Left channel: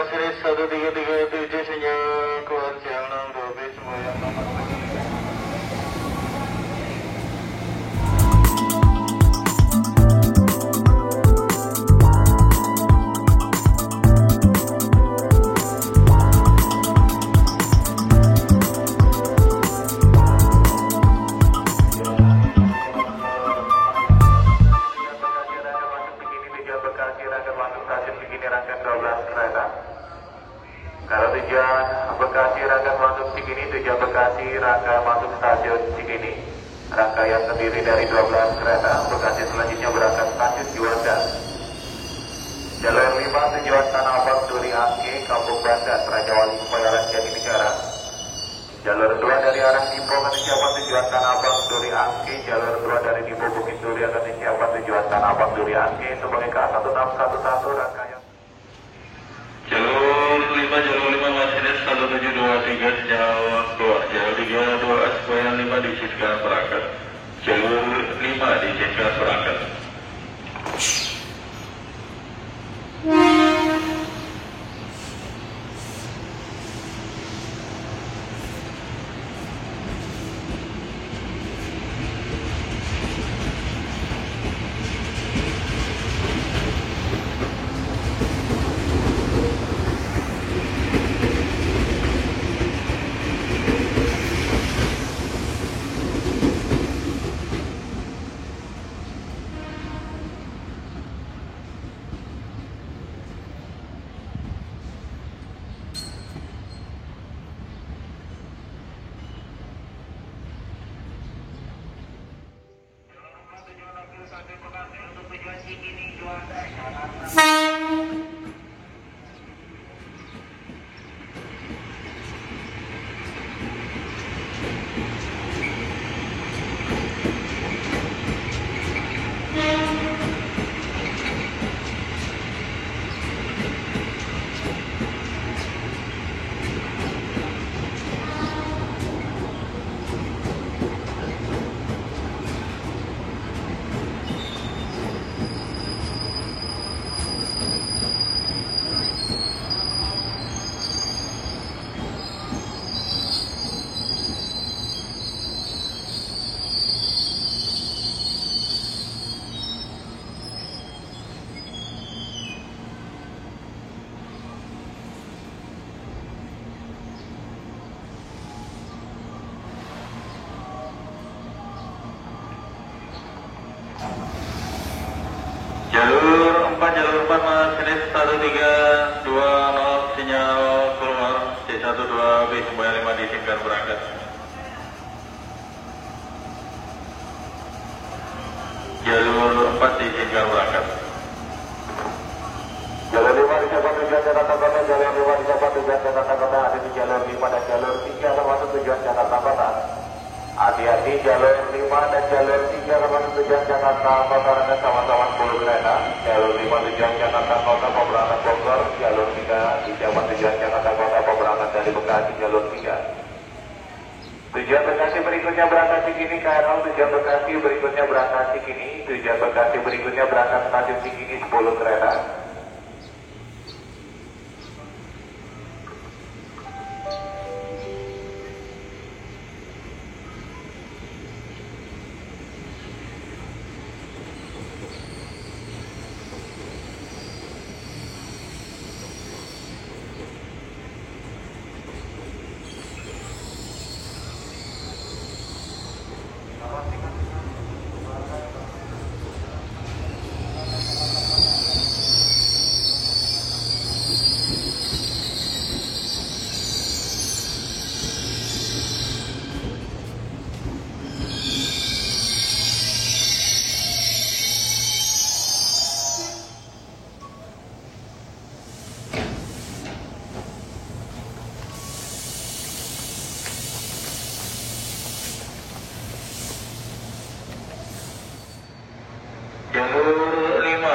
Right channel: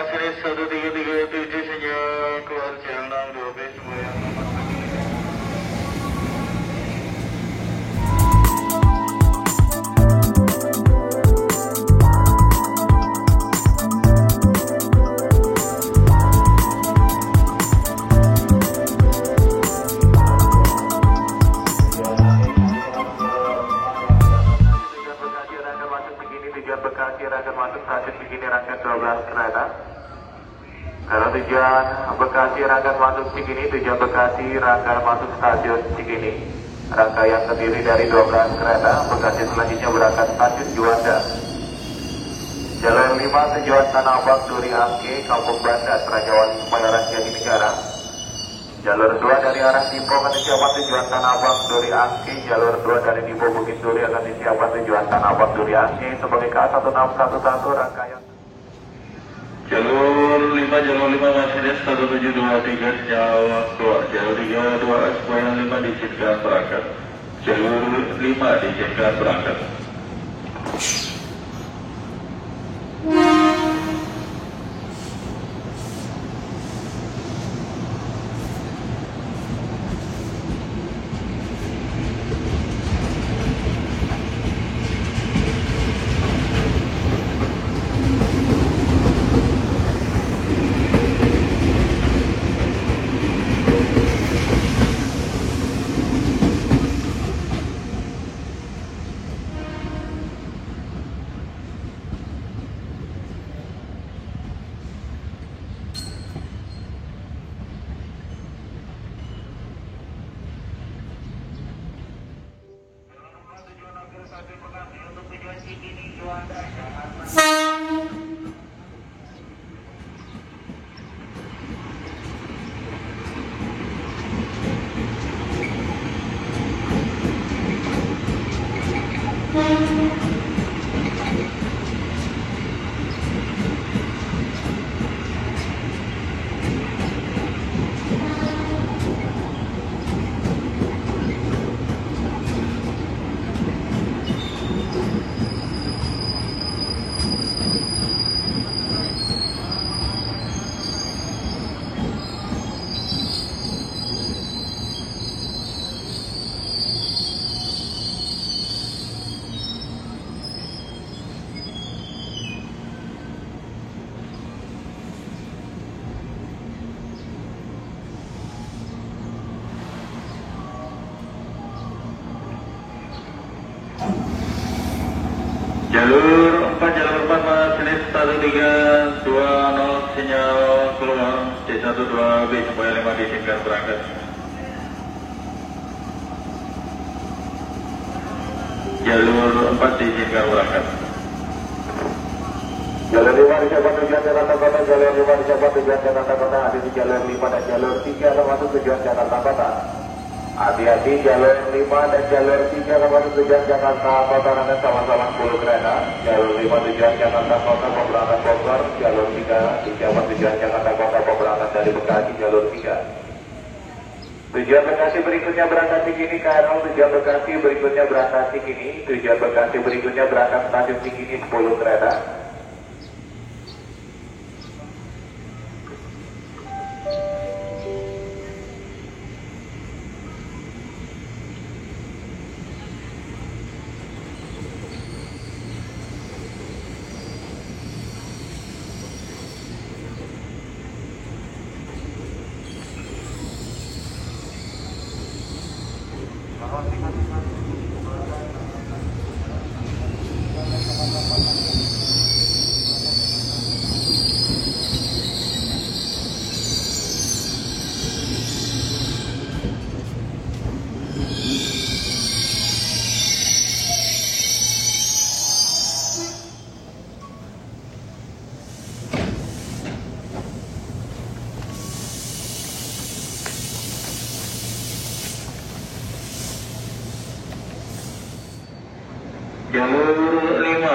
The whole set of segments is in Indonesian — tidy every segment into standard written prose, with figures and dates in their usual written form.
Series 1337 sinyal keluar Cianang 2B semua nomor. Bekasi rangkaian masuk stasiun Cikini rangkaian 12 kereta. Kalau tujuan Bekasi rangkaian masuk Cikini, tujuan Bekasi rangkaian masuk stasiun Cikini. Rangkaian terdiri dari 12 kereta. Bekasi selanjutnya berangkat stasiun Juanda. Jalur 5 tujuan Tanah Abang Duri Angke, Kampung Bandan, Rajawati Bayaran Jatinegara. Jalur 2 dari arah Dipo ke Ciapat tujuan Tanah Abang Duri Angke. Jalur 2 dari Dipo Bukit Duri akan Ciapat tujuan Tanah Abang Duri Angke sebagai K1611 rangkaian. Jalur 5 Mercedes 1723 sinyal keluar. Jalur 3 2 supaya 5 diizinkan berangkat. Jalur 5 diizinkan berangkat. Untuk tujuan Cikini Juanda. Jalur 4 Mercedes 1320 sinyal keluar. C12 B supaya 5 diizinkan berangkat. Jalur 4 diizinkan berangkat. Jalur 5 dicapai tujuan Jakarta Kota. Jalur 5 dicapai tujuan Jakarta Kota. Ada di jalur 5 dan jalur 3 termasuk tujuan Jakarta Kota. Hati-hati jalur 5 dan jalur 3 termasuk tujuan Jakarta Kota rangkaian sama-sama 10 kereta. Jalur 5 tujuan Jakarta Kota pemberangkat Bogor. Jalur 3 dicapai tujuan Jakarta Kota pemberangkat dari Bekasi jalur 3. Tujuan Bekasi berikutnya berangkat Cikini Karang. Tujuan Bekasi berikutnya berangkat Cikini. Tujuan Bekasi berikutnya berangkat stasiun Cikini 10 kereta.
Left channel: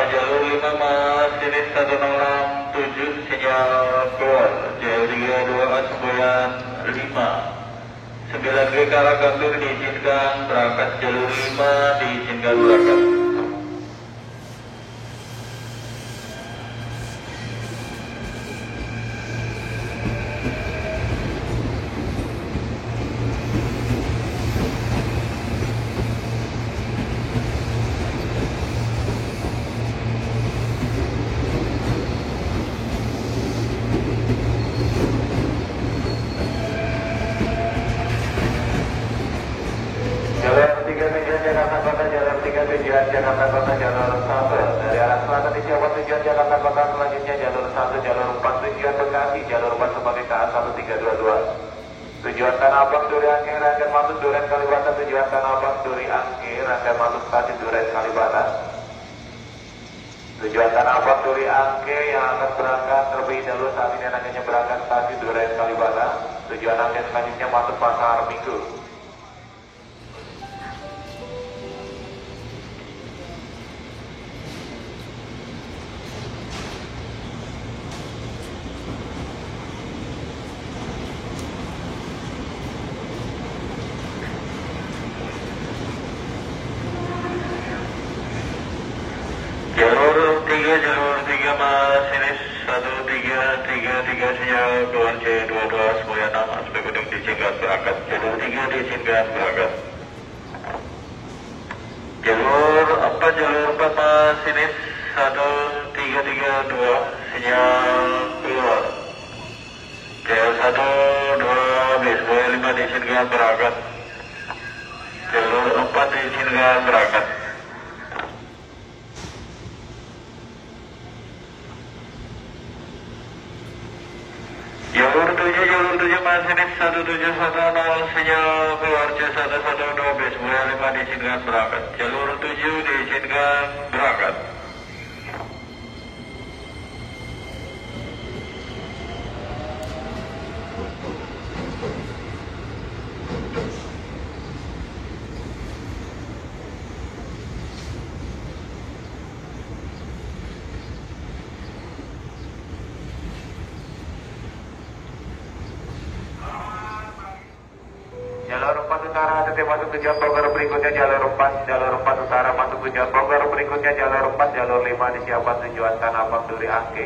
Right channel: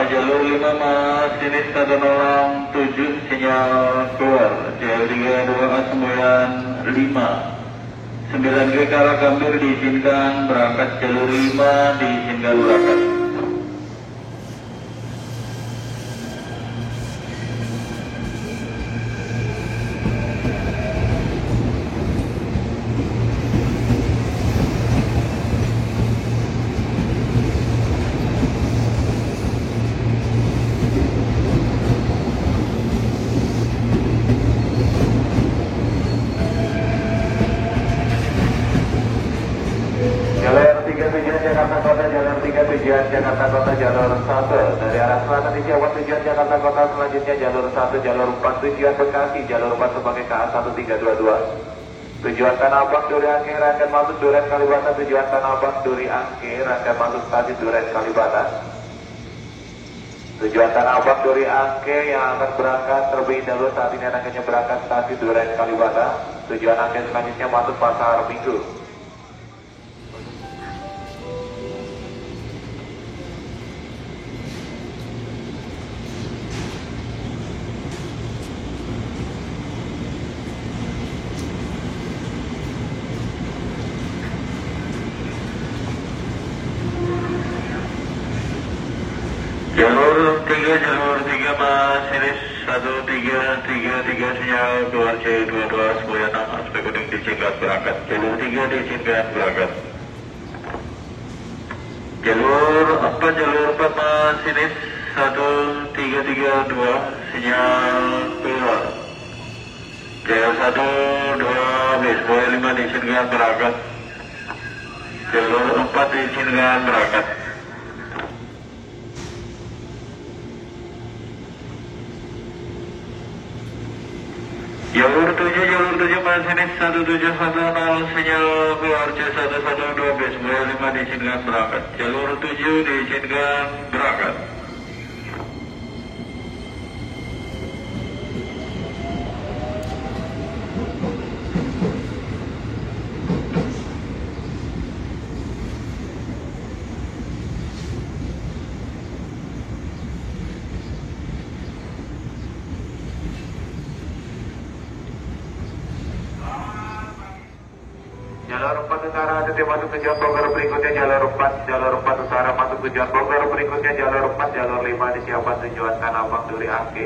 Jalur 5 Mercedes 107 sinyal keluar. Jalur 3 2 5 9G ke arah Gambir diizinkan berangkat. Jalur 5 diizinkan berangkat. Jakarta Kota jalur 1. Dari arah selatan disiapkan tujuan Jakarta Kota, selanjutnya jalur 1, jalur 4 tujuan Bekasi, jalur 4 sebagai KA 1322. Tujuan Tanah Abang Duri Angke rangkaian masuk Duren Kalibata. Tujuan Tanah Abang Duri Angke rangkaian masuk stasiun Duren Kalibata. Tujuan Tanah Abang Duri Angke yang akan berangkat terlebih dahulu saat ini anaknya berangkat stasiun Duren Kalibata. Tujuan Angke selanjutnya masuk Pasar Minggu. Jalur 3 masinis 1333 sinyal keluar C22 semuanya 6 aspek kuning diizinkan berangkat. Jalur 3 diizinkan berangkat. Jalur 4 masinis 1332 sinyal keluar. Jalur 1 2 bis semuanya 5 diizinkan berangkat. Jalur 4 diizinkan berangkat. Jalur 7 masinis 1710 sinyal keluar C112 bis semuanya 5 diizinkan berangkat. Jalur 7 diizinkan berangkat. Jalur 4 utara ADT masuk tujuan Bogor, berikutnya jalur 4 utara masuk tujuan Bogor, berikutnya jalur 4 jalur 5 disiapkan tujuan Tanah Abang Duri Angke.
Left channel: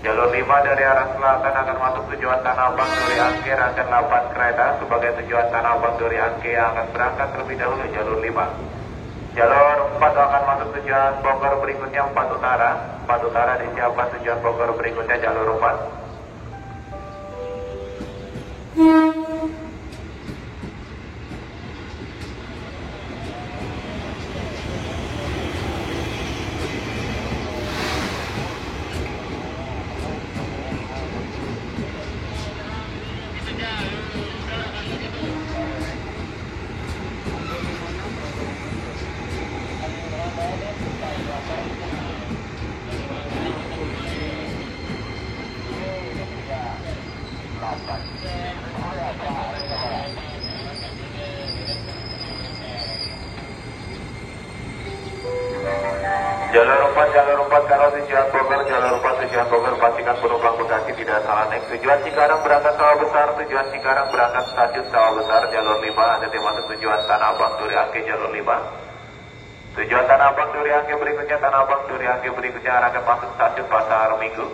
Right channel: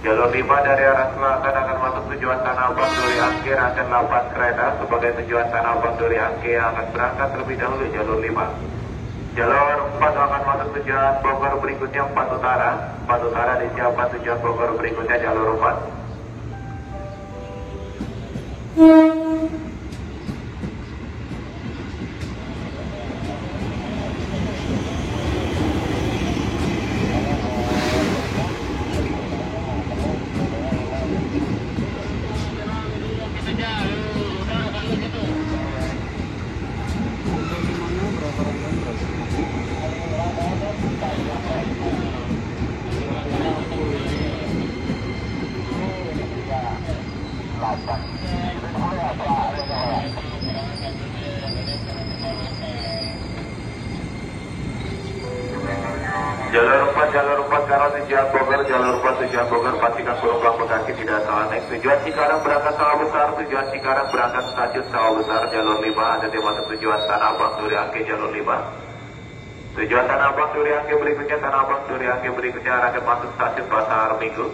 Jalur 5 dari arah selatan akan masuk tujuan Tanah Abang Duri Angke, rangkaian 8 kereta sebagai tujuan Tanah Abang Duri Angke yang akan berangkat terlebih dahulu jalur 5. Jalur 4 akan masuk tujuan Bogor, berikutnya 4 utara disiapkan tujuan Bogor, berikutnya jalur 4. Jalur 4 kalau tujuan Bogor pastikan penumpang Bekasi tidak salah naik. Tujuan Cikarang berangkat Sawah Besar, tujuan Cikarang berangkat stasiun Sawah Besar jalur 5, ADT masuk tujuan Tanah Abang Duri Angke jalur 5. Tujuan Tanah Abang Duri Angke berikutnya Tanah Abang Duri Angke berikutnya akan masuk stasiun Pasar Minggu.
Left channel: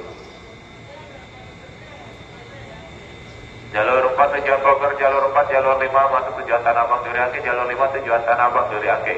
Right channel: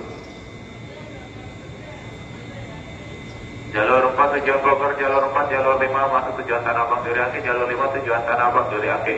Jalur 4 tujuan Bogor, jalur 4 jalur 5 masuk tujuan Tanah Abang Duri Angke, jalur 5 tujuan Tanah Abang Duri Angke.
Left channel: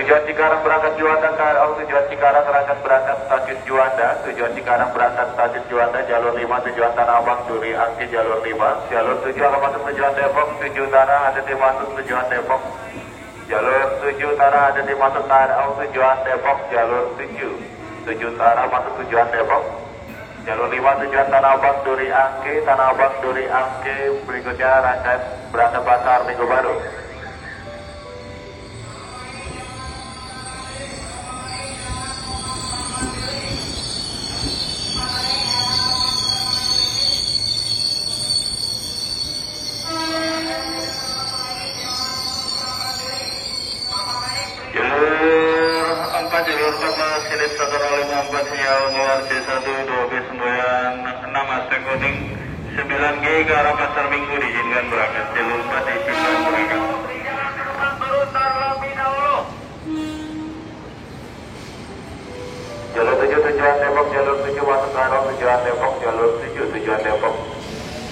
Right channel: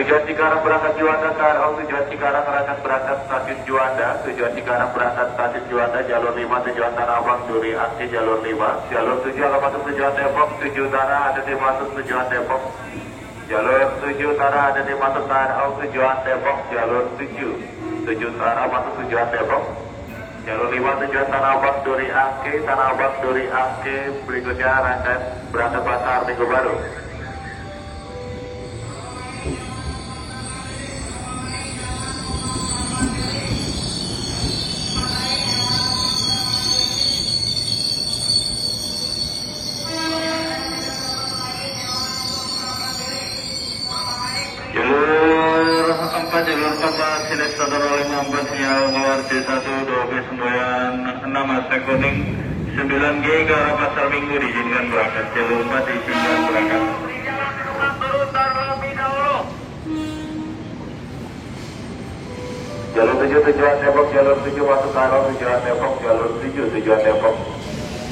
Tujuan Cikarang berangkat Juanda KRL, tujuan Cikarang berangkat stasiun Juanda, tujuan Cikarang berangkat stasiun Juanda jalur 5, tujuan Tanah Abang Duri Angke jalur 5, jalur 7 akan masuk tujuan Depok, 7 utara ADT masuk tujuan Depok, jalur 7 utara ADT masuk KRL tujuan Depok, jalur 7 utara masuk tujuan Depok, jalur 5 tujuan Tanah Abang Duri Angke, berikutnya rangkaian berangkat Pasar Minggu Baru. Jalur 4 Masinis 154 sinyal keluar C1 2 bis semboyan 6 aspek kuning 9G ke arah Pasar Minggu diizinkan berangkat. Jalur 4 diizinkan berangkat. Jalur 7 tujuan Depok, jalur 7 masuk ke arah tujuan Depok, jalur 7 tujuan Depok.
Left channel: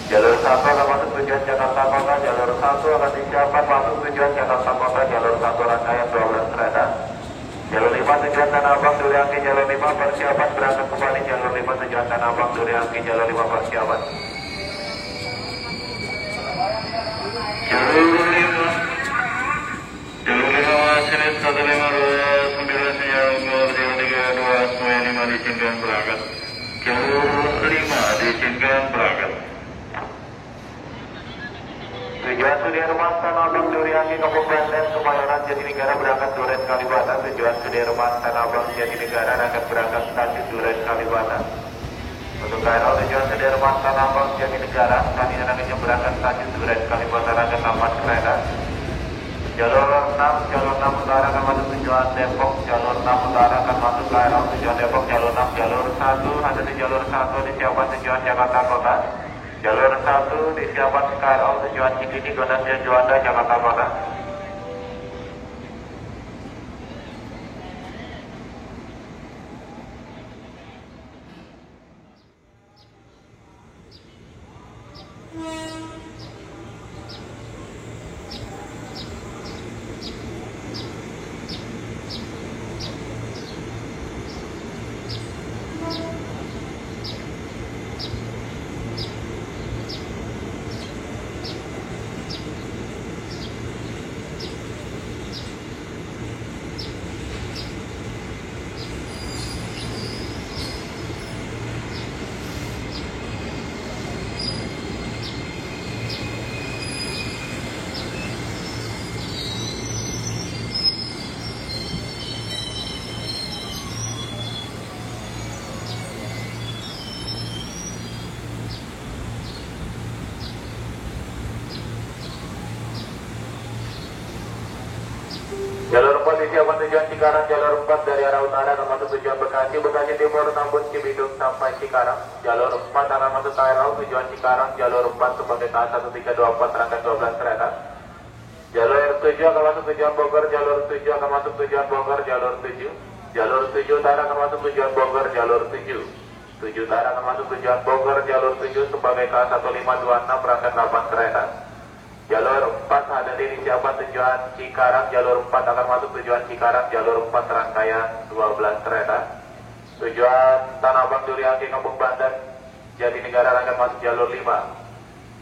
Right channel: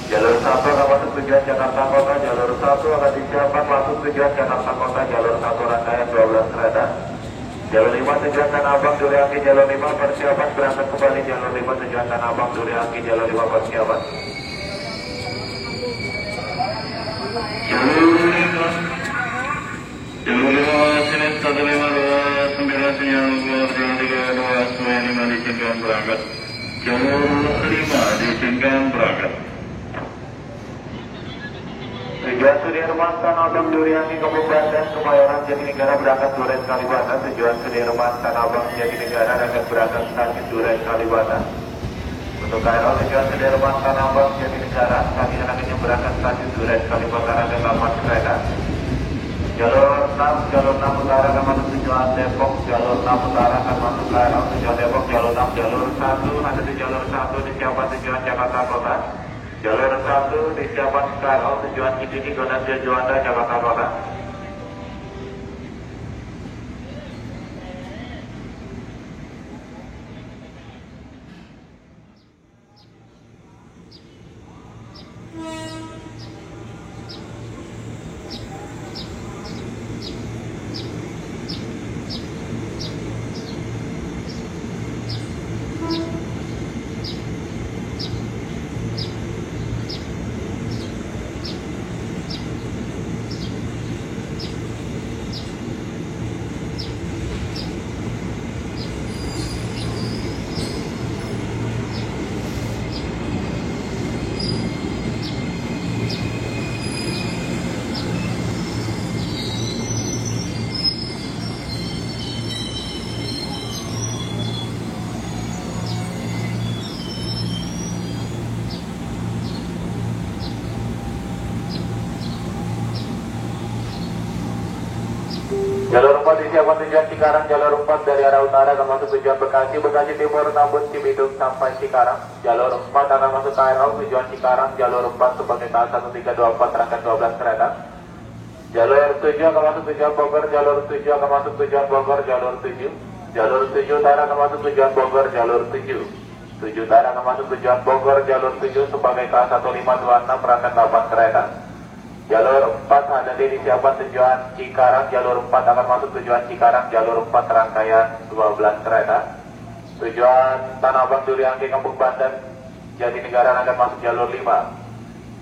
Jalur 1 akan masuk tujuan Jakarta Kota, jalur 1 akan disiapkan masuk tujuan Jakarta Kota, jalur 1 rangkaian 12 kereta. Jalur 5 tujuan Tanah Abang Duriangki, jalur 5 persiapan berangkat kembali, jalur 5 tujuan Tanah Abang Duriangki, jalur 5 persiapan. Jalur 5 Sinit 152 9 sinyal keluar, jalur 32 semuanya 5 diizinkan berangkat. Jalur 5 diizinkan berangkat. Tujuan Sudirman Tanah Abang Duriangki Kampung Banten Kemayoran Jatinegara berangkat Duren Kalibata. Tujuan Sudirman Tanah Abang Jatinegara akan berangkat stasiun Duren Kalibata. Untuk KRL tujuan Sudirman Tanah Abang Jatinegara kami akan berangkat stasiun Duren Kalibata akan 8 kereta. Jalur 6 utara akan masuk tujuan Depok, jalur 6 utara akan masuk KRL tujuan Depok, jalur 6 jalur 1 ada di jalur 1 disiapkan tujuan Jakarta Kota. Jalur 1 disiapkan KRL tujuan Cikini Gondasya Juanda Jakarta Kota. Jalur 4 disiapkan tujuan Cikarang, jalur 4 dari arah utara akan masuk tujuan Bekasi, Bekasi Timur, Tambun, Cibidung sampai Cikarang. Jalur 4 akan masuk KRL tujuan Cikarang, jalur 4 sebagai KA 1324 rangkaian 12 kereta. Jalur 7 akan masuk tujuan Bogor, jalur 7 akan masuk tujuan Bogor, jalur 7. Jalur 7 utara akan masuk tujuan Bogor, jalur 7. 7 utara akan masuk tujuan Bogor, jalur 7 sebagai KA 1526 rangkaian 8 kereta. Jalur 4 ada di disiapkan tujuan Cikarang, jalur 4 akan masuk tujuan Cikarang, jalur 4 rangkaian 12 kereta. Tujuan Tanah Abang Duriangki Kampung Banten Jatinegara akan masuk jalur 5.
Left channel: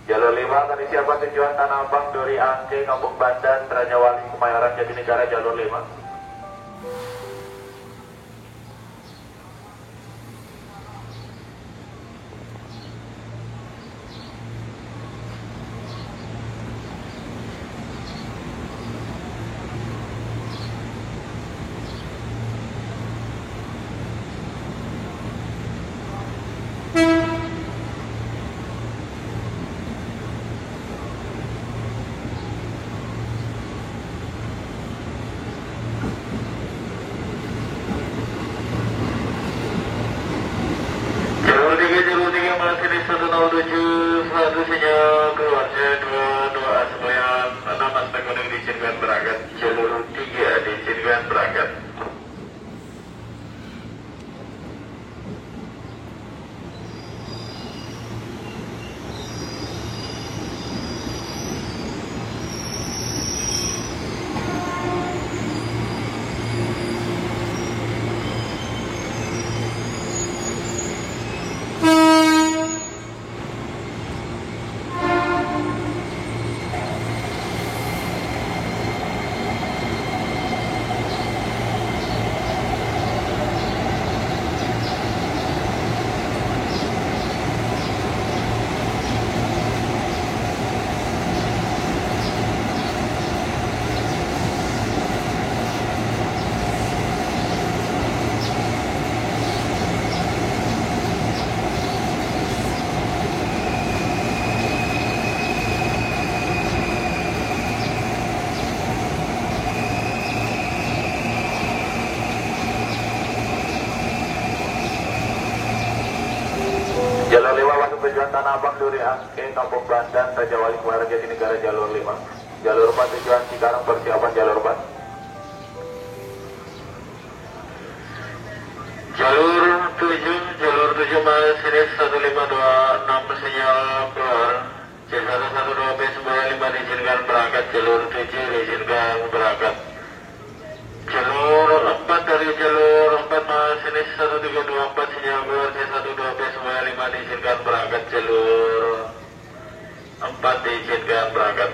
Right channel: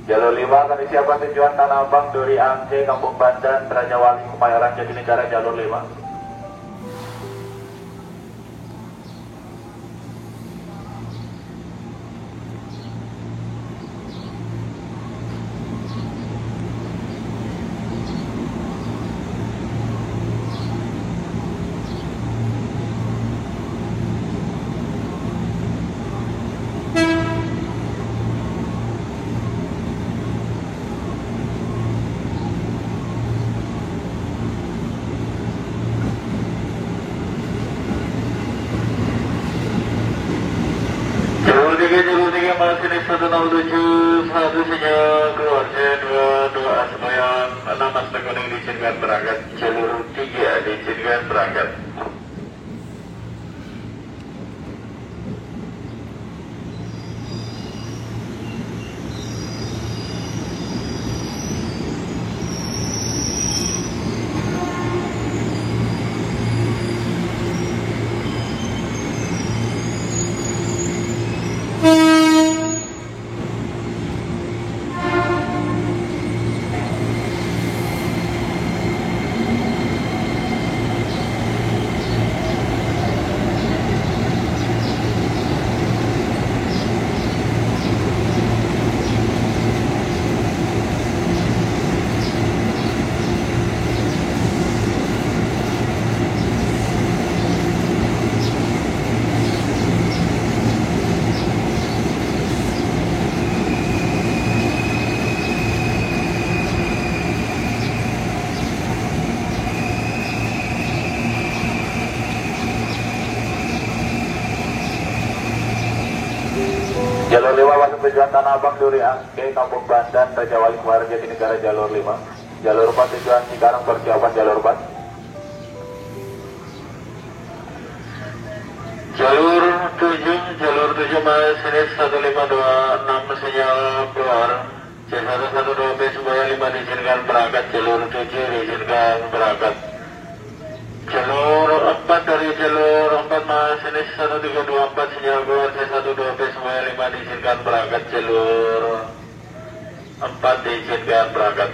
Jalur 5 akan disiapkan tujuan Tanah Abang Duriangki Kampung Banten Rajawali Kemayoran Jatinegara jalur 5. Jalur 3 Masinis 107 1 sinyal keluar, C22 semuanya 6 aspek kuning diizinkan berangkat. Jalur 3 diizinkan berangkat. tujuan Tanah Abang Duri Angke, Kampung Bandan, Raja Wali Muara Jatinegara jalur 5. Jalur 4 tujuan Cikarang persiapan jalur 4. Jalur 7 masinis 1526 sinyal keluar. C112 bis 25 diizinkan berangkat. Jalur 7 diizinkan berangkat. Jalur 4 dari jalur 4 masinis 1324 sinyal keluar. C12 bis 25 diizinkan berangkat. Jalur 4 diizinkan berangkat.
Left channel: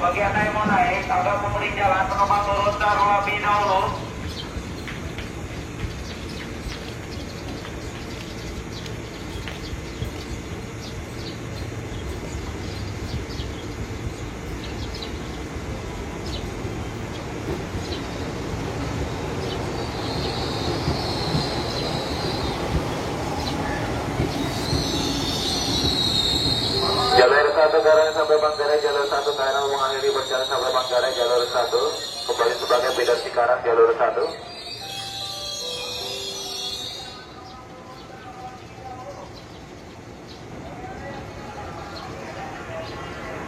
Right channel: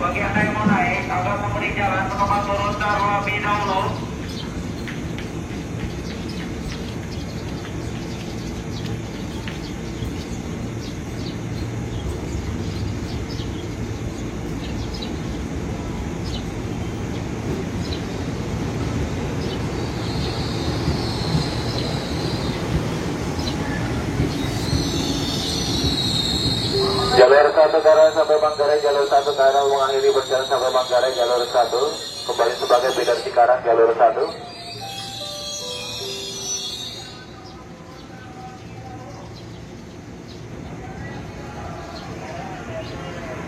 Bagi Anda yang mau naik, kalau memberi jalan penumpang turun terlebih dahulu. Jalur 1 Garang sampai Manggarai, jalur 1 Garang mengakhiri berjalan sampai Manggarai, jalur 1 kembali sebagai feeder Cikarang, jalur 1.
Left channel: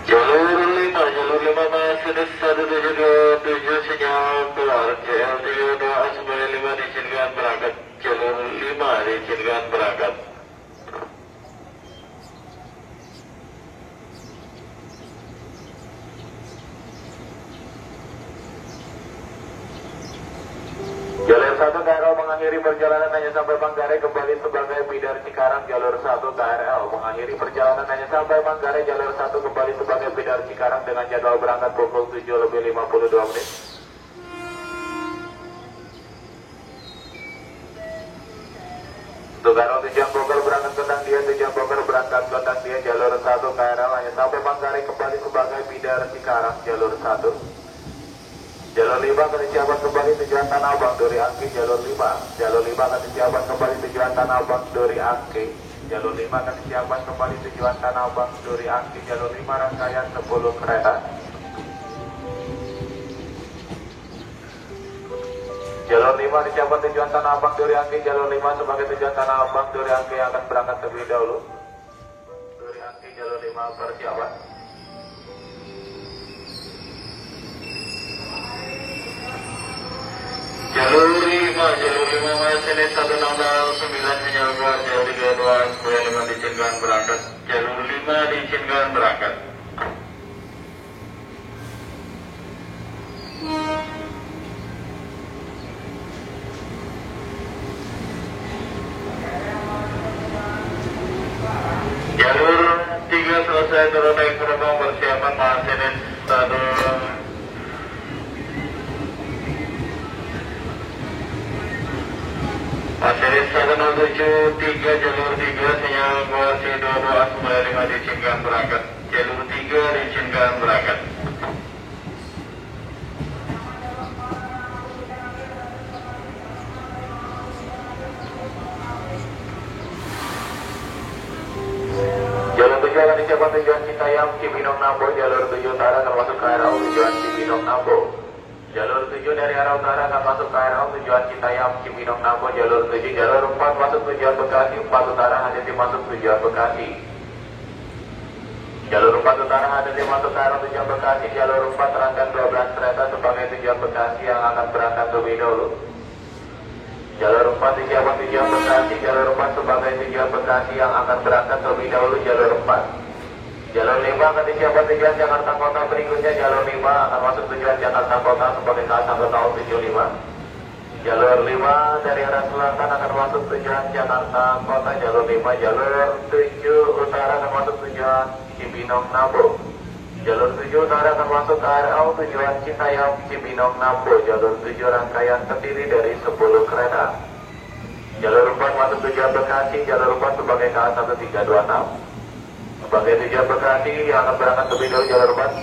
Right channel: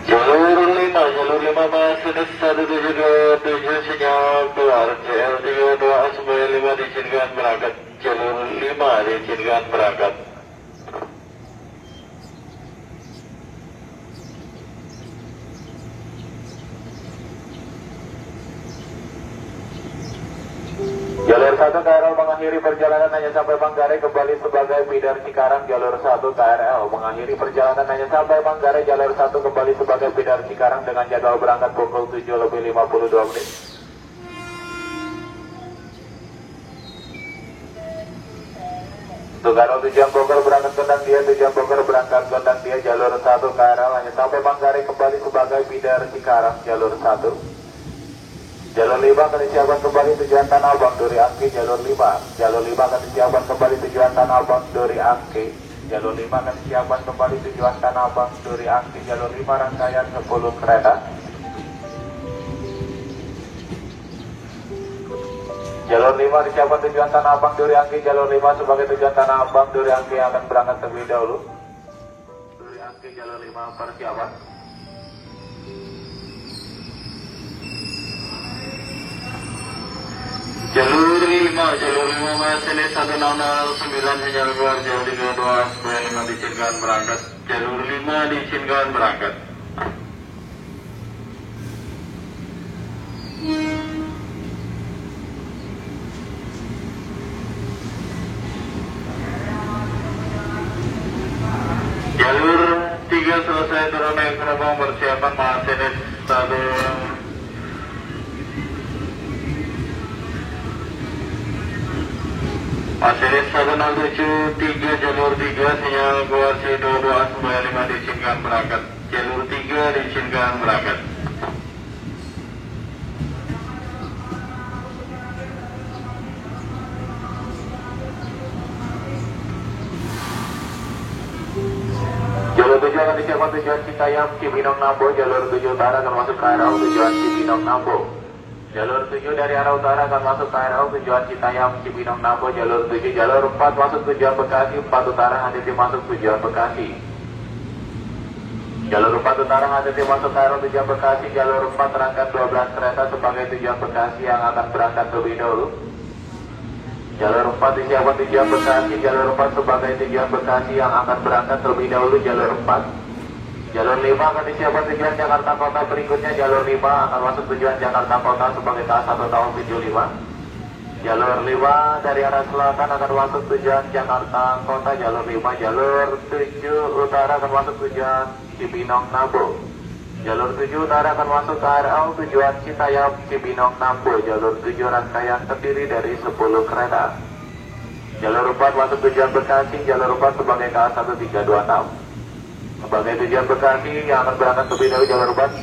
Jalur 5 masinis 137 sinyal keluar. CL32 sebagai 5 diizinkan berangkat. Jalur 5 diizinkan berangkat. Jalur 1 KRL mengakhiri perjalanan hanya sampai Manggarai, kembali sebagai feeder Cikarang, jalur 1 KRL mengakhiri perjalanan hanya sampai Manggarai, jalur 1 kembali sebagai feeder Cikarang dengan jadwal berangkat pukul 7:52 menit. Untuk KRL tujuan Bogor berangkat Gondang Dia, tujuan Bogor berangkat Gondang Dia, jalur 1 KRL hanya sampai Manggarai, kembali sebagai feeder Cikarang, jalur 1. Jalur 5 akan disiapkan kembali tujuan Tanah Abang Duri Angke, jalur 5. Jalur 5 akan disiapkan kembali tujuan Tanah Abang Duri Angke. Jalur 5 akan disiapkan kembali tujuan Tanah Abang Duri Angke, jalur 5 rangkaian 10 kereta. Jalur 5 disiapkan tujuan Tanah Abang Duri Angke, jalur 5 sebagai tujuan Tanah Abang Duri Angke yang akan berangkat terlebih dahulu. Duri Angke jalur 5 persiapan. Jalur 5 masinis 1609 sinyal keluar. CL32 sebagai 5 diizinkan berangkat. Jalur 5 diizinkan berangkat. Jalur 3 selesai turun naik gerbang persiapan masinis 1 Masinis 167 jalur 3 sinyal keluar. C22 sebagai 5 diizinkan berangkat. Jalur 3 diizinkan berangkat. Jalur 7 akan disiapkan tujuan Citayam, Cibinong, Nambo. Jalur 7 utara akan masuk KRL tujuan Cibinong, Nambo. Jalur 7 dari arah utara akan masuk KRL tujuan Citayam, Cibinong, Nambo. Jalur 7, jalur 4 masuk tujuan Bekasi, 4 utara hati-hati masuk tujuan Bekasi. Jalur 4 utara hati-hati masuk KRL tujuan Bekasi. Jalur 4 rangkaian 12 kereta sebagai tujuan Bekasi yang akan berangkat terlebih dahulu. Jalur 4 disiapkan tujuan Bekasi, jalur 4 sebagai tujuan Bekasi yang akan berangkat terlebih dahulu, jalur 4. Jalur 5 akan disiapkan tujuan Jakarta Kota berikutnya, jalur 5 akan masuk tujuan Jakarta Kota sebagai KA1 tahun 75. Jalur 5 dari arah selatan akan masuk tujuan Jakarta Kota, jalur 5. Jalur 7 utara akan masuk tujuan Cibinong, Nambo. Jalur 7 utara akan masuk KRL tujuan Citayam, Cibinong, Nambo. Jalur 7 rangkaian terdiri dari 10 kereta. Jalur 4 masuk tujuan Bekasi, jalur 4 sebagai KA1326. Sebagai tujuan Bekasi yang akan berangkat lebih dari jalur 4.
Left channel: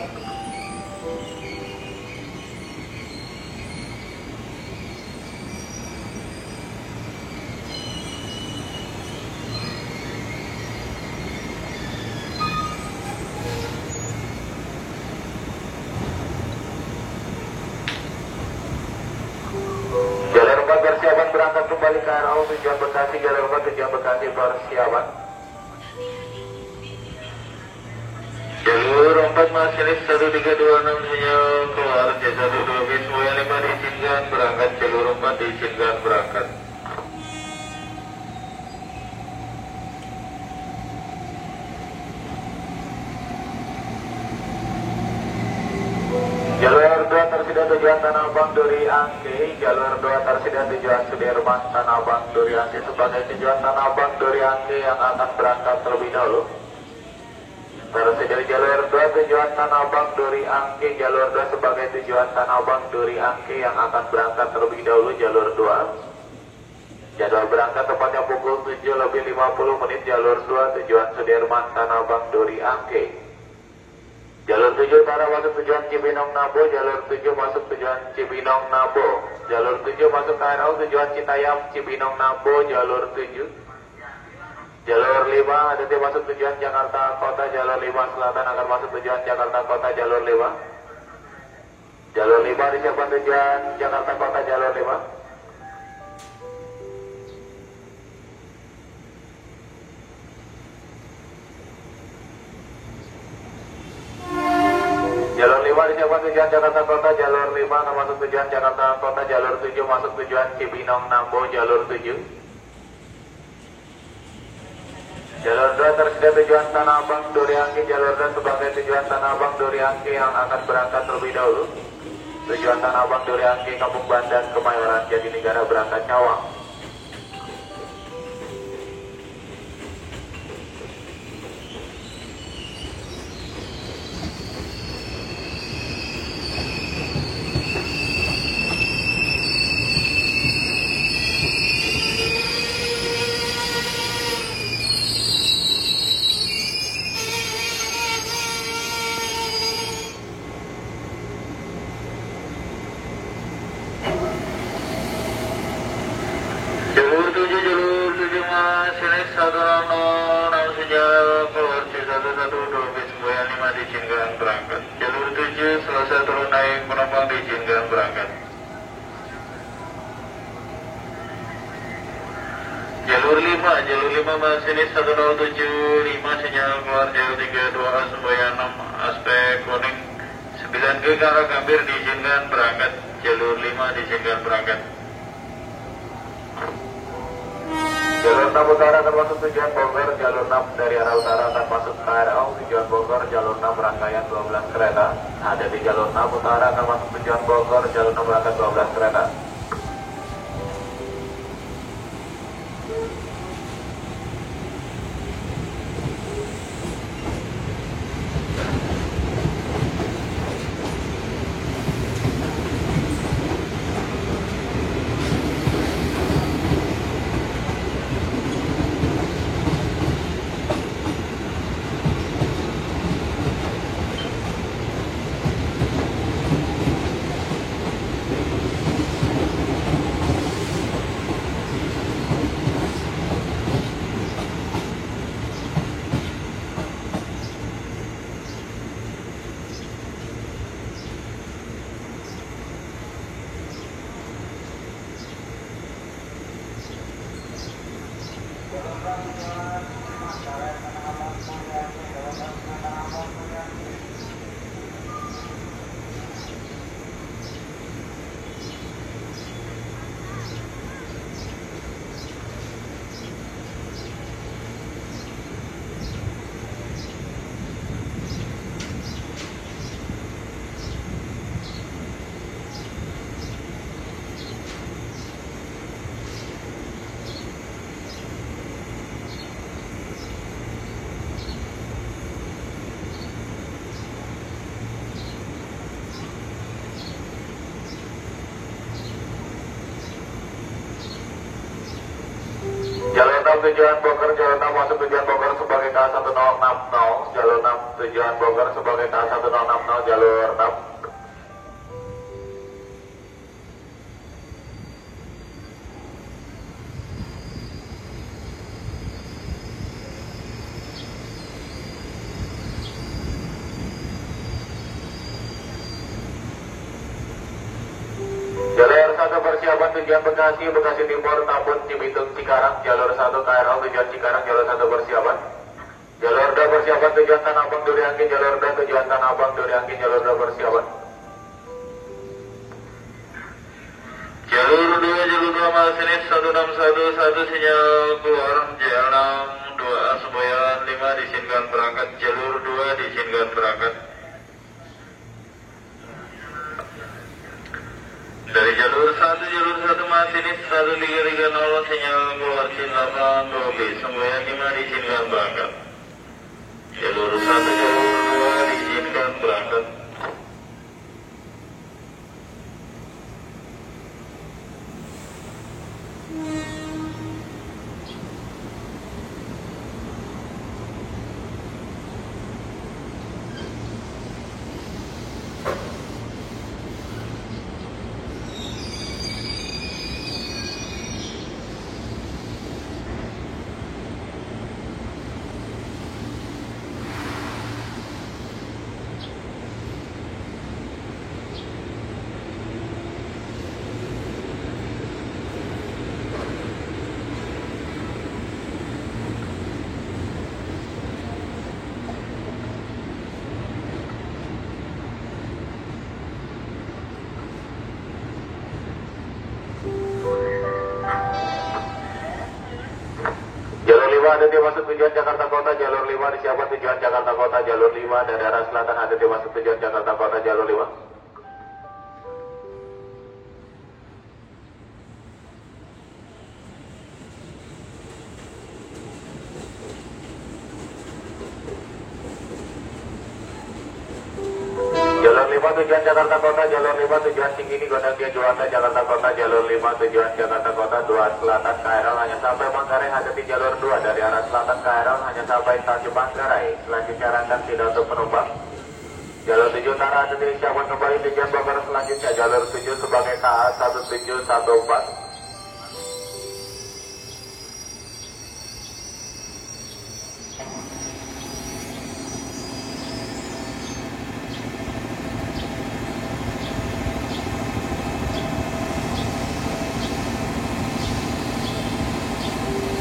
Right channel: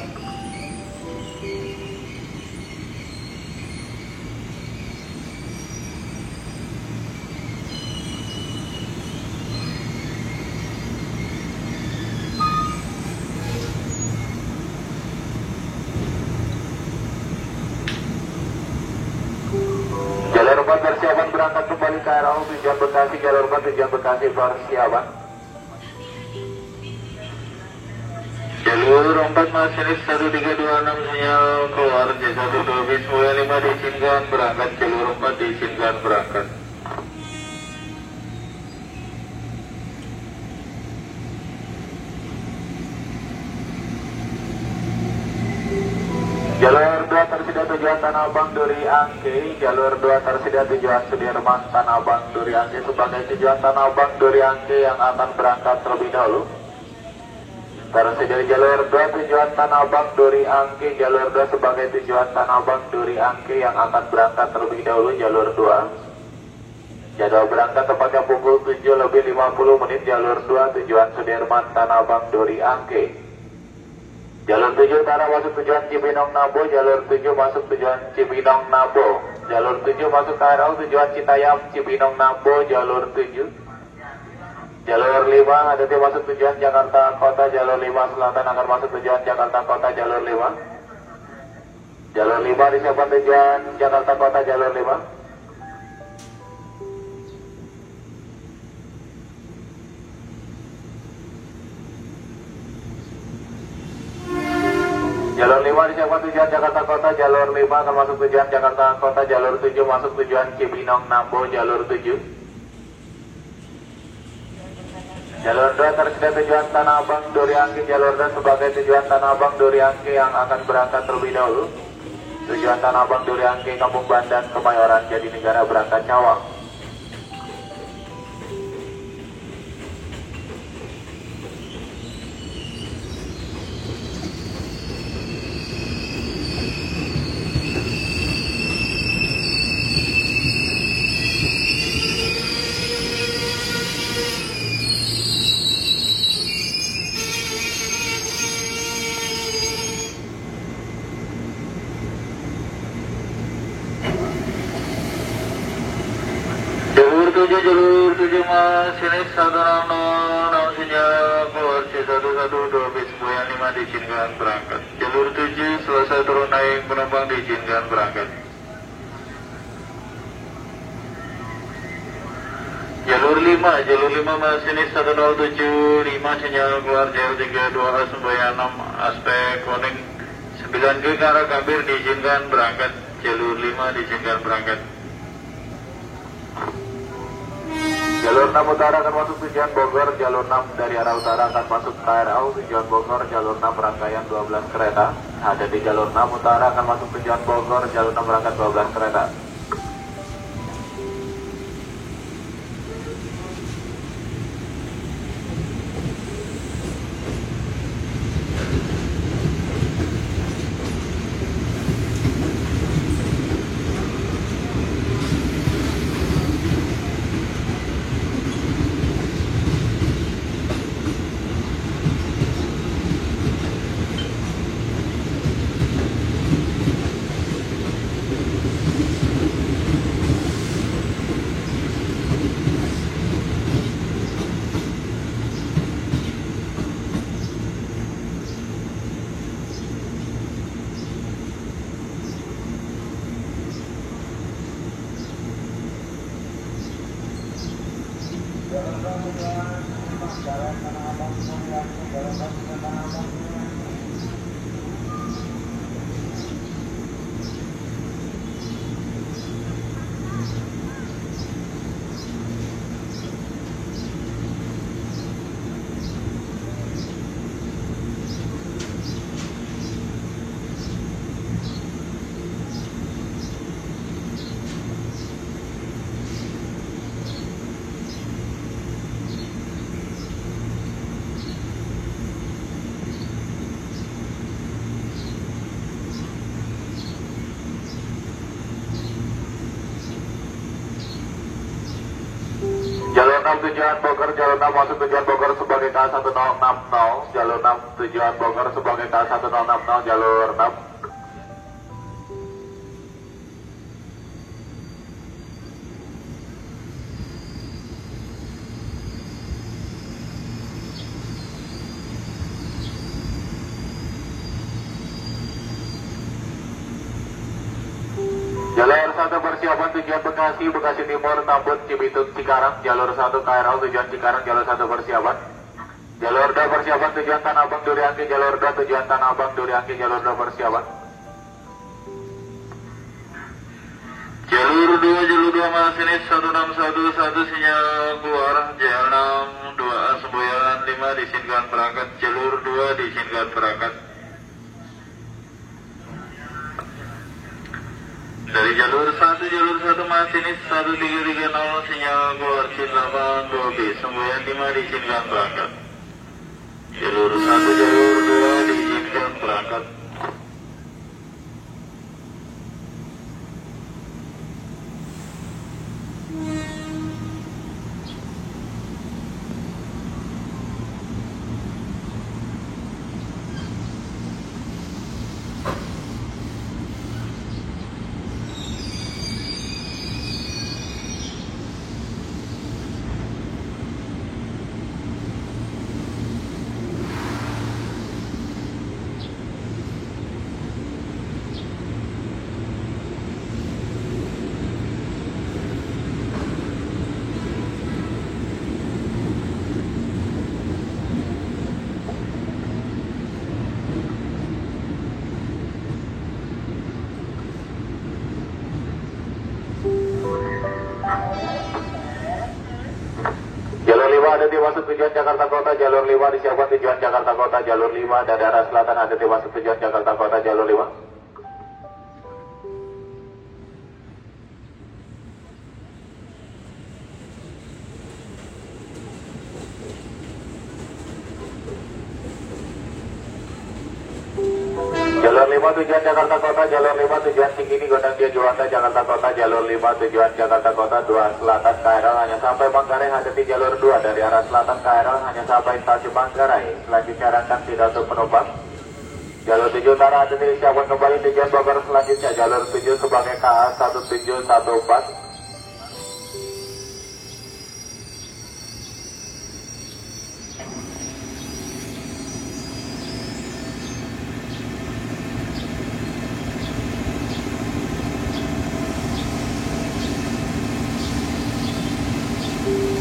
4 persiapan berangkat kembali KRL tujuan Bekasi, jalur 4 tujuan Bekasi persiapan. Jalur 4 masinis 1326 sinyal keluar J12 bis 5 diizinkan berangkat, jalur 4 diizinkan berangkat. Jalur 2 tersedia tujuan Tanah Abang Duri Angke, jalur 2 tersedia tujuan Sudirman Tanah Abang Duri Angke sebagai tujuan Tanah Abang Duri Angke yang akan berangkat terlebih dahulu. Tersedia jalur 2 tujuan Tanah Abang Duri Angke, jalur 2 sebagai tujuan Tanah Abang Duri Angke yang akan berangkat terlebih dahulu jalur 2. Jadwal berangkat tepatnya pukul 7:50 jalur 2 tujuan Sudirman Tanah Abang Duri Angke. Jalur 7 utara masuk tujuan Cibinong Nabo, jalur 7 masuk tujuan Cibinong Nabo. Jalur 7 masuk KRL tujuan Citayam Cibinong Nabo, jalur 7. Jalur 5 ada masuk tujuan Jakarta Kota, jalur 5 selatan akan masuk tujuan Jakarta Kota, jalur 5. Jalur 5 disiapkan tujuan Jakarta Kota, jalur 5. Jalur 5 disiapkan tujuan Jakarta Kota, jalur 5 akan masuk tujuan Jakarta Kota, jalur 7 masuk tujuan Cibinong Nambo, jalur 7. Jalur 2 tersedia tujuan Tanah Abang Duri Angke, jalur 2 sebagai tujuan Tanah Abang Duri Angke yang akan berangkat terlebih dahulu. Tujuan Tanah Abang Duri Angke, Kampung Bandan, Kemayoran, Jatinegara berangkat Cawang. Jalur 7 masinis 160 sinyal keluar C112 bis 5 diizinkan berangkat. Jalur 7 selesai turun naik penumpang diizinkan berangkat. Jalur 5 masinis 1075 sinyal keluar J32 A96 aspek kuning 9G ke arah Gambir diizinkan berangkat. Jalur 5 diizinkan berangkat. Jalur 6 utara akan masuk tujuan Bogor, jalur 6 dari arah utara akan masuk KRL tujuan Bogor, jalur 6 rangkaian 12 kereta. Ada di jalur 6 utara akan masuk tujuan Bogor, jalur 6 berangkat 12 kereta. Jalur 6 tujuan Bogor, jalur 6 masuk tujuan Bogor sebagai K1060, jalur 6 tujuan Bogor sebagai K1060, jalur 6. Jalur 1 persiapan tujuan Bekasi, Bekasi Timur, Tambun, Cibitung, Cikarang. Jalur 1 KRL tujuan Cikarang, jalur 1 persiapan. Jalur 2 persiapan tujuan Tanah Abang, Duriangke, jalur 2 tujuan Tanah Abang, Duriangke, jalur 2 persiapan. Jalur 2 masinis 1611 sinyal keluar, J6 2A Semboyan 5 diizinkan berangkat, jalur 2 diizinkan berangkat. Dari jalur 1 masinis 1330 sinyal keluar Cintaman 2B Semboyan 5 diizinkan berangkat. Jalur 1 jalur 2 diizinkan berangkat. Ada di masuk tujuan Jakarta Kota, jalur 5 disiapkan tujuan Jakarta Kota, jalur 5 dan daerah selatan ada di masuk tujuan Jakarta Kota, jalur 5. Jalur 5 tujuan Jakarta Kota, jalur 5 tujuan Tinggi Gondang Dia Juanda Jakarta Kota, jalur 5 tujuan Jakarta Kota, 2 selatan KRL hanya sampai Manggarai, hadapi jalur 2 dari arah selatan KRL hanya sampai stasiun Manggarai, selanjutnya rangkap tidak untuk penumpang. Jalur 7 utara ada disiapkan kembali tujuan Bogor, selanjutnya jalur 7 sebagai KA 1714.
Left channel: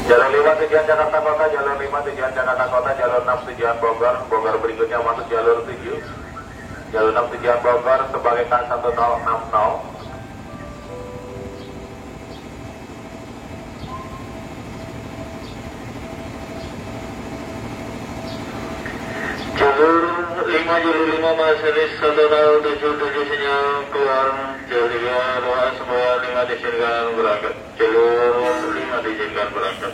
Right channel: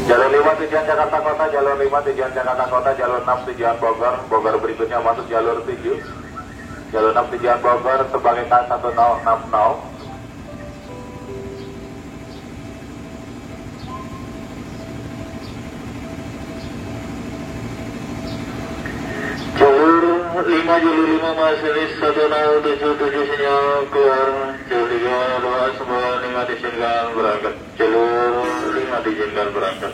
Jalur 5 tujuan Jakarta Kota, jalur 5 tujuan Jakarta Kota, jalur 6 tujuan Bogor, Bogor berikutnya masuk jalur 7. Jalur 6 tujuan Bogor sebagai K1060. Jalur 5 masinis 1077 sinyal keluar, jalur 2 semua 5 diizinkan berangkat, jalur 5 diizinkan berangkat.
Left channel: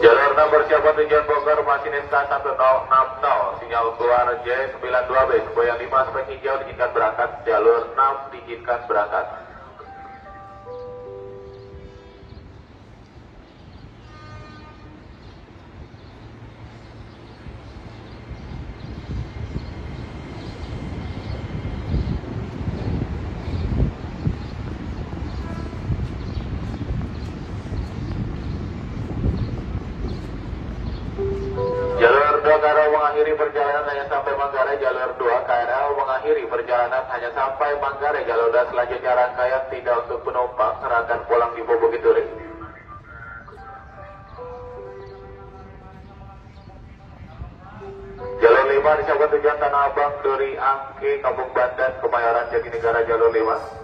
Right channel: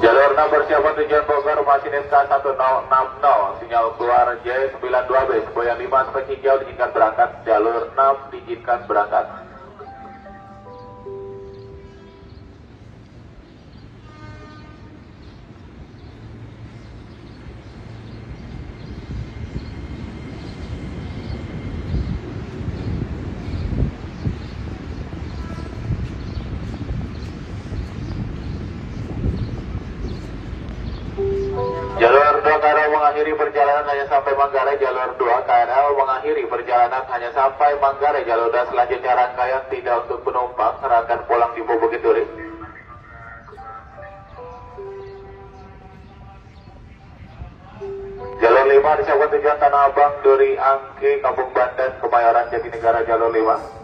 Jalur 6 bersiapan tujuan Bogor, masinis K1060, sinyal keluar J92B, Semboyan 5 spek hijau diizinkan berangkat, jalur 6 diizinkan berangkat. Jalur 2 KRL mengakhiri perjalanan hanya sampai Manggarai, jalur 2 KRL mengakhiri perjalanan hanya sampai Manggarai, jalur 2 selanjutnya rangkaian tidak untuk penumpang, serahkan pulang di Bukit Duri. Jalur 5 disiapkan tujuan Tanah Abang, Duri Angke, Kampung Banten, Kemayoran, Jatinegara, jalur 5.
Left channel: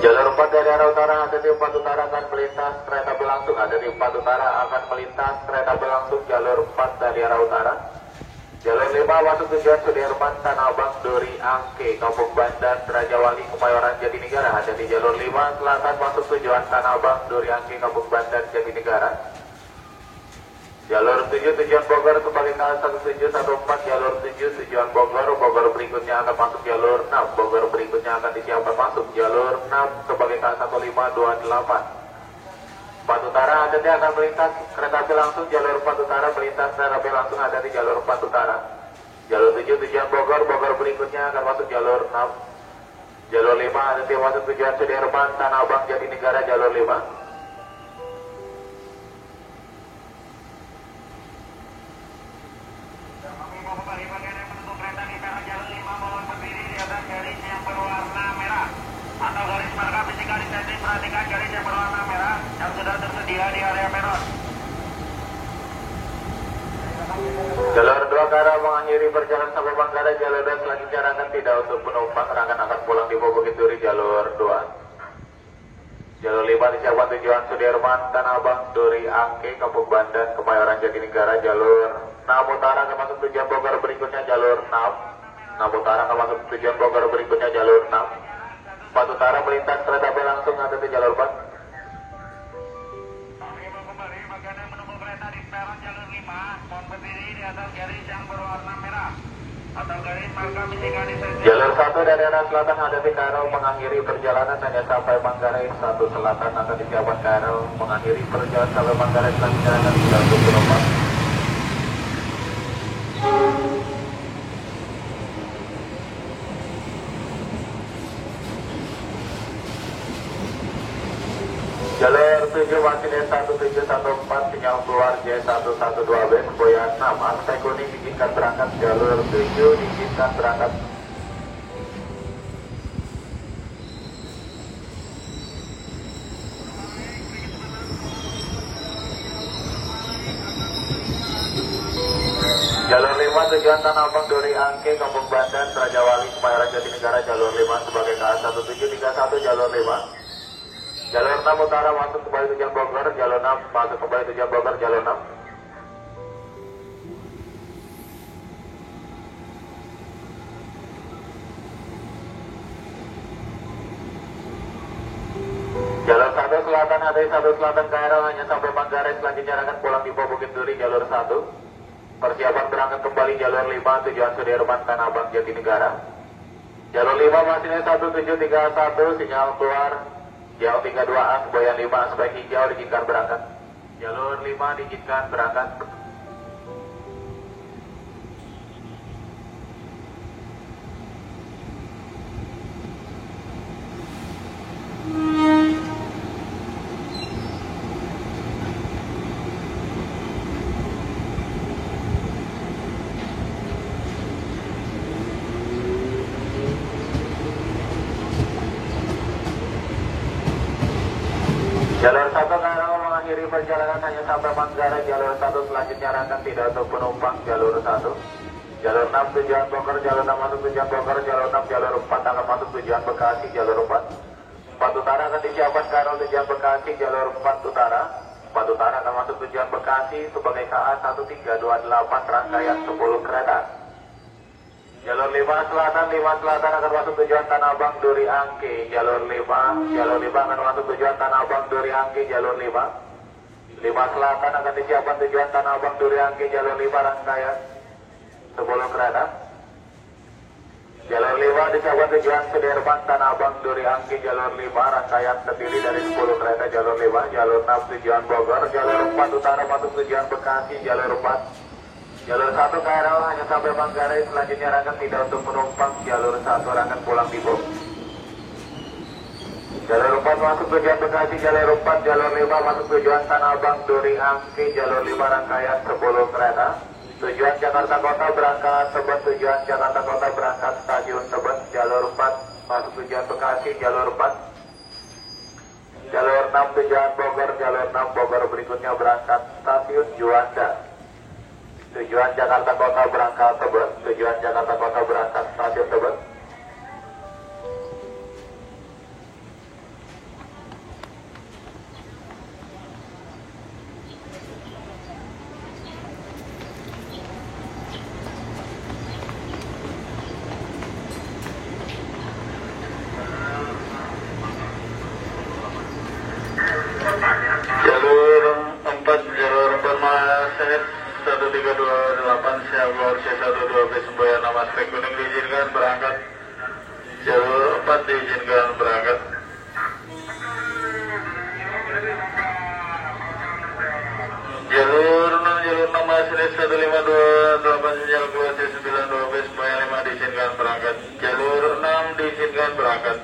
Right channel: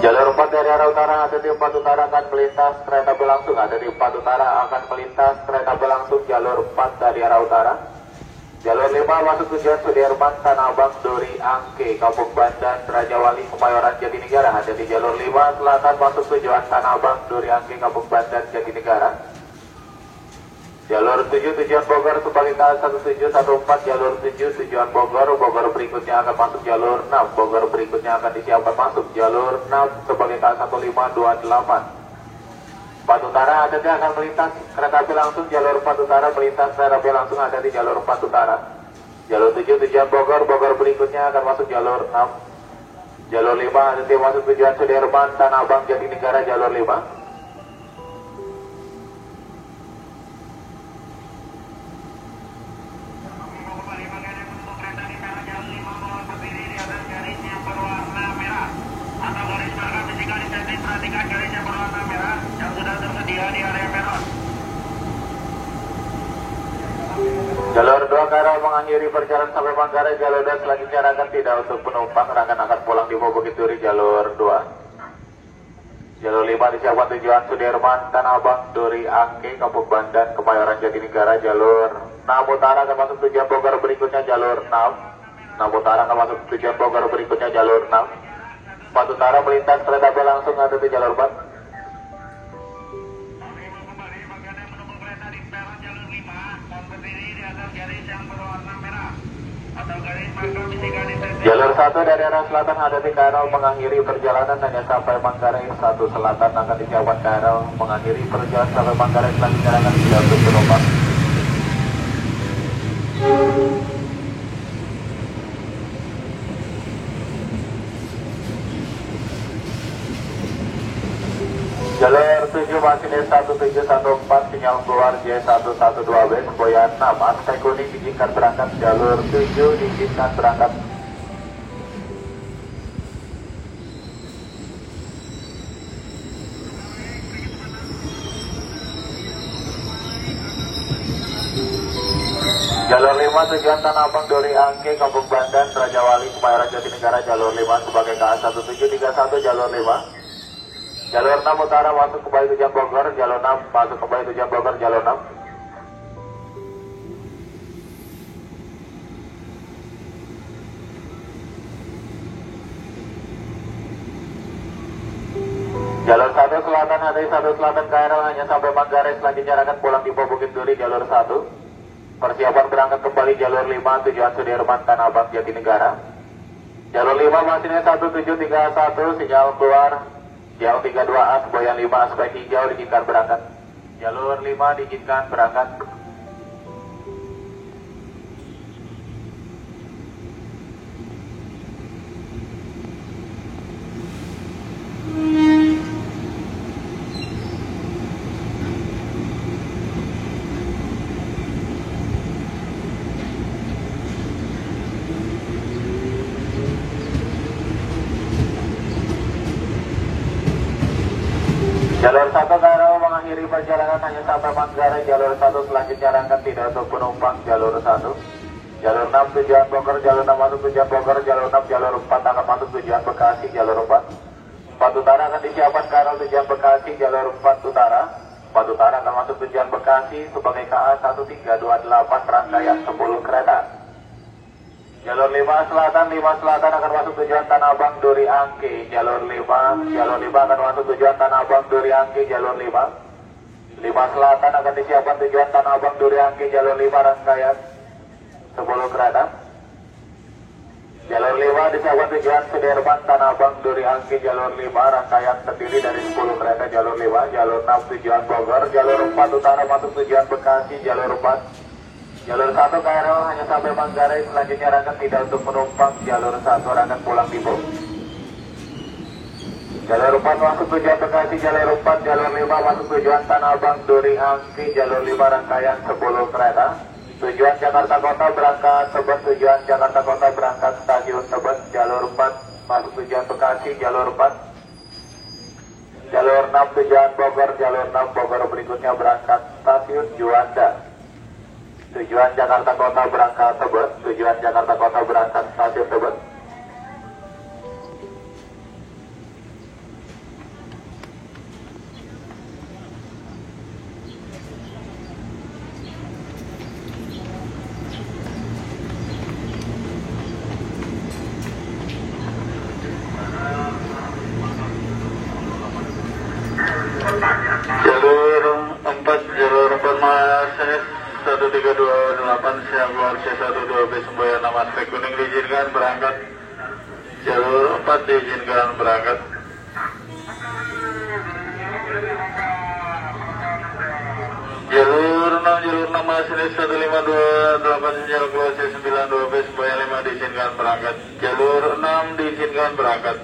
Jalur 4 4 dari arah utara, ada di 4 utara akan melintas kereta berlangsung, ada di 4 utara akan melintas kereta berlangsung jalur 4 dari arah utara. Jalur 5 masuk tujuan Sudirman, Tanah Abang, Duri, Angke, Kampung Bandan, Raja Wali, Kemayoran, Jatinegara. Ada di jalur 5 selatan masuk tujuan Tanah Abang, Duri, Angke, Kampung Bandan, Jatinegara. Jalur 7 tujuan Bogor kembali ke 1714, jalur 7 tujuan Bogor, Bogor berikutnya akan masuk jalur 6, Bogor berikutnya akan disiapkan masuk jalur 6 sebagai K1528. 4 utara ada di akan melintas kereta api langsung, jalur 4 utara melintas kereta api langsung ada di jalur 4 utara. Jalur 7 tujuan Bogor, Bogor berikutnya akan masuk jalur 6. Jalur 5 ada di masuk tujuan Sudirman, Tanah Abang, Jatinegara, jalur 5. Jalur 2 ke arah mengakhiri perjalanan sampai Manggarai, jalur 2 selanjutnya rangkaian tidak untuk penumpang, rangkaian akan pulang di Bukit Duri jalur 2. Jalur 5 disiapkan tujuan Sudirman, Tanah Abang, Duri, Angke, Kampung Bandan, Kemayoran, Jatinegara, jalur 6 utara akan masuk tujuan Bogor berikutnya jalur 6. 6 utara akan masuk tujuan Bogor berikutnya jalur 6. 4 utara melintas kereta api langsung ada di jalur 4. Jalur 1 dari arah selatan hadapi KRL mengakhiri perjalanan hanya sampai Manggarai. 1 selatan akan disiapkan KRL mengakhiri perjalanan sampai Manggarai, selanjutnya akan tidak untuk penumpang. Jalur 7 Masinis 1714 sinyal keluar J112B Semboyan 6 aspek kuning diizinkan berangkat. Jalur 7 diizinkan berangkat. Jalur 5 tujuan Tanah Abang, Duri, Angke, Kampung Bandan, Raja Wali, Kemayoran, Jatinegara, jalur 5 sebagai KA1731 jalur 5. Jalur 6 utara masuk kembali tujuan Bogor, jalur 6 masuk kembali tujuan Bogor, jalur 6. Jalur 1 selatan ada 1 selatan KRL hanya sampai Manggarai, selanjutnya akan pulang di Bukit Duri jalur 1. Persiapan berangkat kembali jalur 5 tujuan Sudirman, Tanah Abang, Jatinegara. Jalur 5 masihnya 1731 sinyal keluar Jauh 32A, Semboyan 5, aspek hijau diizinkan berangkat. Jalur 5 diizinkan berangkat. Jalur 1 KRL mengakhiri perjalanan hanya sampai Manggarai. Jalur 1 selanjutnya rangkaian tidak untuk penumpang. Jalur 1. Jalur 6 tujuan Bogor, jalur 6 masuk tujuan Bogor, jalur 6, jalur 4 akan masuk tujuan Bekasi, jalur 4. 4 utara akan disiapkan KRL tujuan Bekasi, jalur 4 utara. 4 utara akan masuk tujuan Bekasi sebagai KA1328 rangkaian 10 kereta. Jalur 5 selatan akan masuk tujuan Tanah Abang, Duri, Angke, jalur 5 akan masuk tujuan Tanah Abang, Duri, Angke, jalur 5. 5 selatan akan disiapkan tujuan Tanah Abang, Duri, Angke, jalur 5 rangkaian 10 kereta. Jalur 5 disiapkan tujuan Sudirman, Tanah Abang, Duri, Angke, jalur 5 rangkaian terdiri dari 10 kereta. Jalur 5, jalur 6 tujuan Bogor, jalur 4 utara masuk tujuan Bekasi, jalur 4. Jalur 1 KRL hanya sampai Manggarai, selanjutnya rangkaian tidak untuk penumpang. Jalur 1 rangkaian pulang di Bogor. Jalur 4 masuk tujuan Bekasi, jalur 4, jalur 5 masuk tujuan Tanah Abang, Duri, Angke, jalur 5 rangkaian 10 kereta. Tujuan Jakarta Kota berangkat Tebet, tujuan Jakarta Kota berangkat stasiun Tebet, jalur 4 masuk tujuan Bekasi, jalur 4. Jalur 6 tujuan Bogor, jalur 6 Bogor berikutnya berangkat stasiun Juanda. Tujuan Jakarta Kota berangkat Tebet, tujuan Jakarta Kota berangkat stasiun Tebet. masinis 1328 siap keluar C12 bis Semboyan 6 aspek kuning diizinkan berangkat. Jalur 4 diizinkan berangkat. Jalur 6 masinis 1528 siap keluar C92 bis Semboyan 5 diizinkan berangkat. Jalur 6 diizinkan berangkat.